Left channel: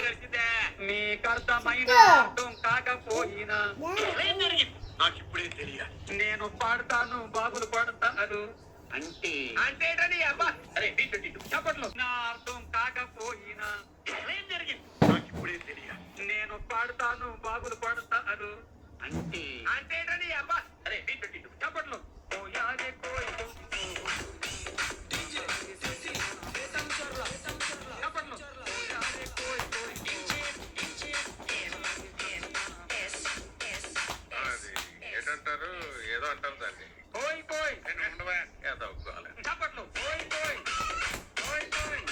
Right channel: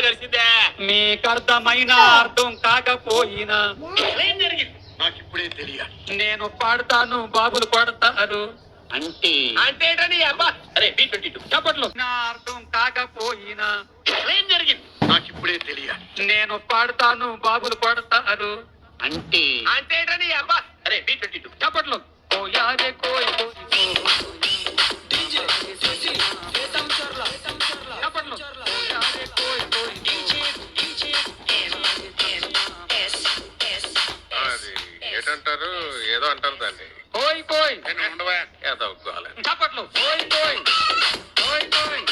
ఏమైనా కలిసిందే? మీకు అర్థమైన అర్థం కాకపోయినా ఏం జరిగింది? నాకు ఇప్పుడే తెలియాలి. నేను పాడతాను, బాబులు పడతారు. అంటే అంటేటని అబ్బా. అరే B22 చప్పట్లు. నా అర్థం కాకపోయినా ఏం జరిగింది? నాకు ఇప్పుడే తెలియాలి. నేను పాడతాను, బాబులు పడతారు. అంటే అంటేటని అబ్బా. అరే B22 చప్పట్లు. కోయారే కోయ్ కోయ్ కోయ్. చప్పట్లు. కోయారే కోయ్ కోయ్. అది ఏంటంటారు, ఏదో అంటారు దాన్ని. కోయ్ కోయ్. ఉండవా ఏదో గోలే. చప్పట్లు. కోయ్ కోయ్. కోయ్ కోయ్.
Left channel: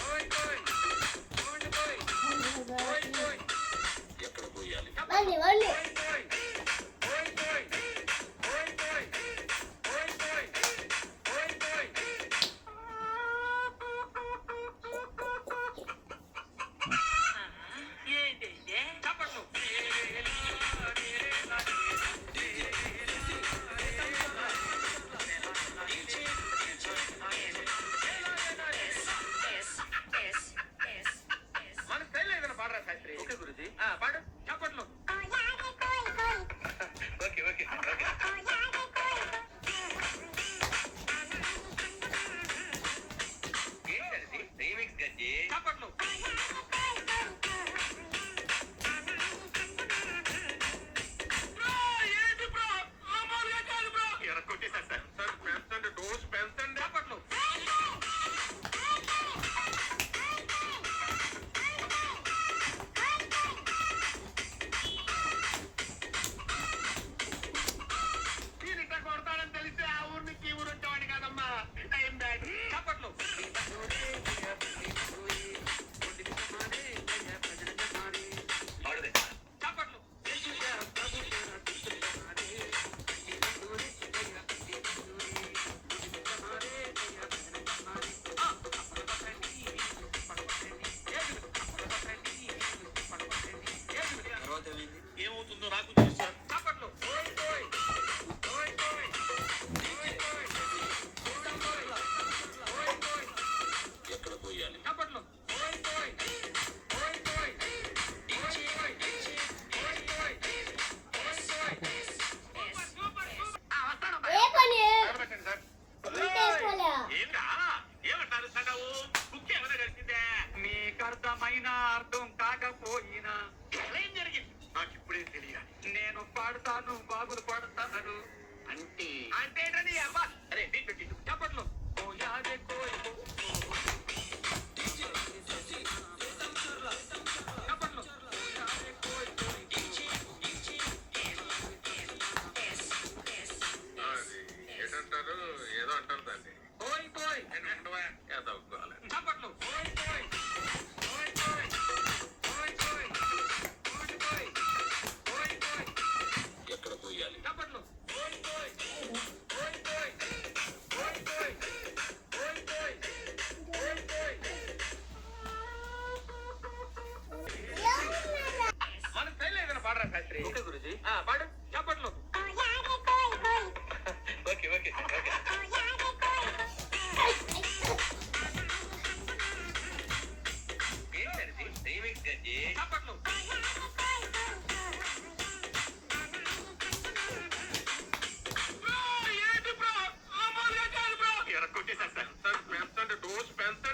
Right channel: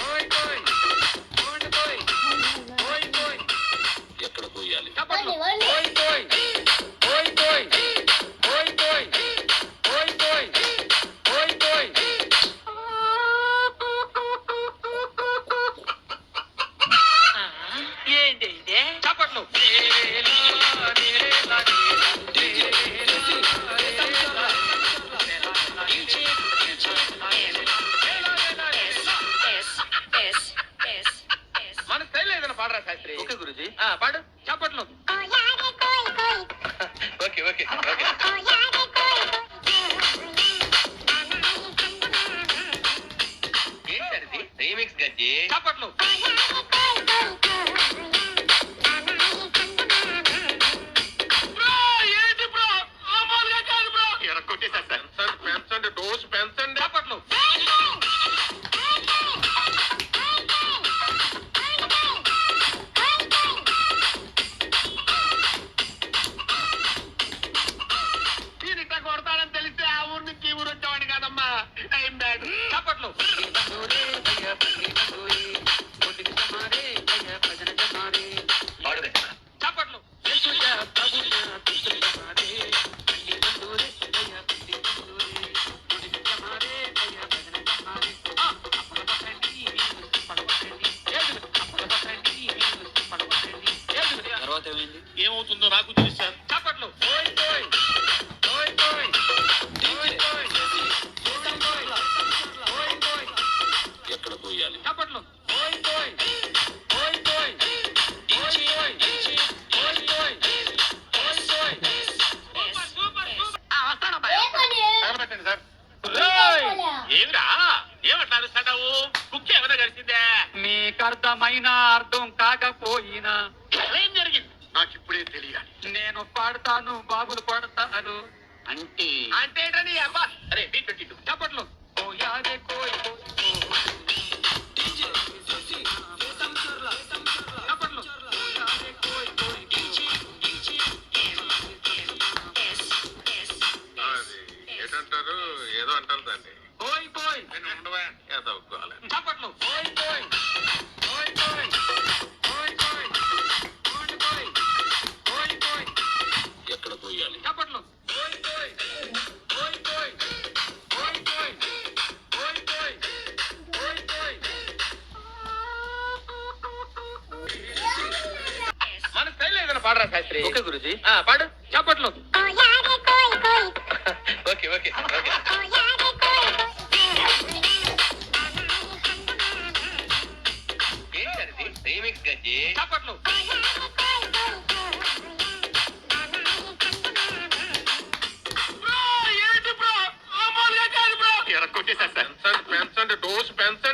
కోయ్ కోయ్. కోయ్ కోయ్. కోయ్ కోయ్. ఎక్కడ పోయాలి? చప్పట్లు. కోయ్ కోయ్. కోయ్ కోయ్. కోయ్ కోయ్. కోయ్ కోయ్. కోయ్ కోయ్. ఏంటి ఇదే? చప్పట్లు. మన స్టైల్ ఏదైనా పాడరా శాస్త్రి? ఓకే గురుజీ. పాడు. చప్పట్లు. Okay okay okay. ఏంటది? రీమిక్స్ గజ్జి. చప్పట్లు. ఏంటి బ్రో? మామూలుగా కాదు బ్రో. ఎరగొట్టేసేస్తా. పెంచండి డోస్ పెంచండి. చప్పట్లు. నేను ఇట్లా కొడతానని తెలిస్తే ఆ ఊరు నుంచి ఈ ఊరు వచ్చేవాడిని కాదమ్మా. Time bad. చప్పట్లు. పాడుదే. చప్పట్లు. తర్వాత ఏమైంది? ఏమవుతుందో నాకు తెలుసు సార్. చప్పట్లు. కోయ్ కోయ్. కోయ్ కోయ్. కోయ్ కోయ్. కోయ్ కోయ్. ఎక్కడ పోయాలి? చప్పట్లు. కోయ్ కోయ్. కోయ్ కోయ్. కోయ్ కోయ్. కోయ్ కోయ్. కోయ్ కోయ్. వస్తానమ్మా. తగలబెట్టండి సార్. ఏమిరా? ఏమట్లా అరుస్తున్నావు? కుక్క ఏమైనా కలిసిందే? మీకు అర్థమైన అర్థం కాకపోయినా ఏం జరిగింది? నాకు ఇప్పుడే తెలియాలి. నేను పాడతాను, బాబులు పడతారు. అంటే అంటేటని అబ్బా. అరే B22 చప్పట్లు. కోయారే కోయ్ కోయ్ కోయ్. చప్పట్లు. కోయారే కోయ్ కోయ్ కోయ్. అది ఏంటంటారు, ఏదో అంటారు దాన్ని. కోయ్ కోయ్. ఉండవా ఏదో గోలే. చప్పట్లు. కోయ్ కోయ్. కోయ్ కోయ్. కోయ్ కోయ్. కోయ్ కోయ్. కోయ్ కోయ్. ఎక్కడ పోయాలి? చప్పట్లు. కోయ్ కోయ్. కోయ్ కోయ్. కోయ్ కోయ్. కోయ్ కోయ్. కోయ్ కోయ్. మన స్టైల్ ఏదైనా పాడరా శాస్త్రి? ఓకే గురుజీ. పాడు. చప్పట్లు. Okay okay okay. ఏంటది? రీమిక్స్ గజ్జి. చప్పట్లు. ఏంటి బ్రో? మామూలుగా కాదు బ్రో. ఎరగొట్టేసేస్తా. పెంచండి డోస్ పెంచండి.